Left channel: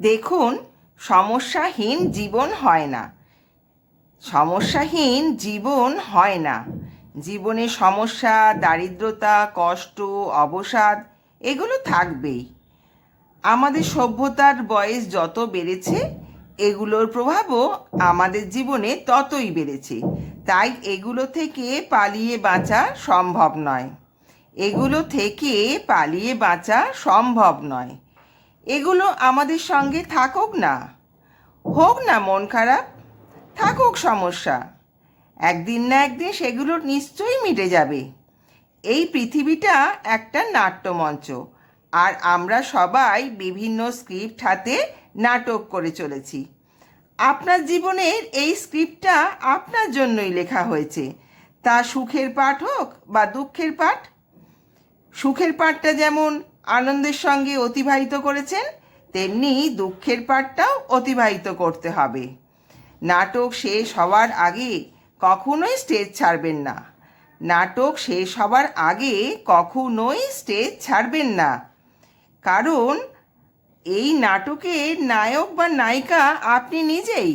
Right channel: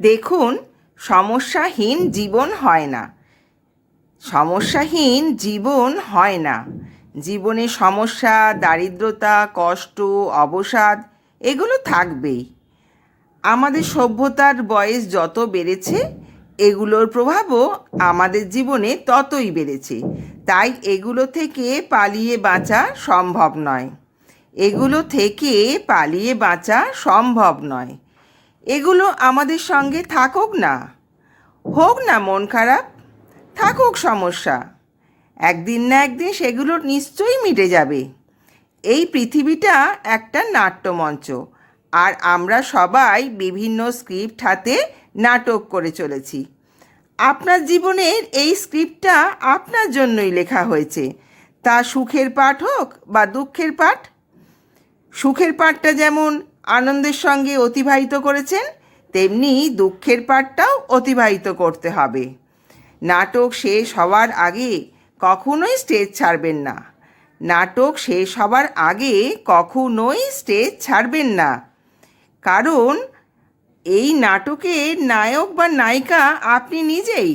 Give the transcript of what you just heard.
দেখুন, সমস্যাহীন জীবন হয় না। সমস্যাহীন জীবন হয় না। জীবনে সমস্যা, দারিদ্রতা, কষ্ট, অবসাদ এগুলো থাকবেই। আমাদের সভ্যতার বয়স যত বেড়েছে, এগুলোর প্রভাবও আমাদের জীবনে ততই বেড়েছে। তাই এগুলো থেকে পালিয়ে বাঁচা সম্ভব নয়। এগুলো থেকে পালিয়ে বাঁচা সম্ভব নয়। এগুলো আমাদের সঙ্গে থাকুক না, হোক না মন খারাপ, থাকুক সমস্যা, একদিন না একদিন সেগুলো নিশ্চয়ই মিটে যাবে। এই পৃথিবীটা একটা নাট্যমঞ্চ, আর আমরা সবাই বিভিন্ন স্ক্রিপ্ট হাতে নাটক করে চলেছি। আপনার জীবনের এই স্ক্রিপ্টটা আপনার জন্যই লেখা হয়েছে, তা সুখের পাঠ হোক বা দুঃখের পাঠ। সুখের পাঠটা যেমন আনন্দের সঙ্গে অতিবাহিত করেছেন, তেমনি দুঃখের পাঠটাও অতিবাহিত করতে হবে। নাটক শেষ হওয়ার আগে কখনোই স্টেজ ছাড়বেন না। নাটক শেষ হওয়ার আগে কখনোই স্টেজ ছাড়বেন না, কারণ এই নাটকের নায়ক বা নায়িকা আপনি নিজেই।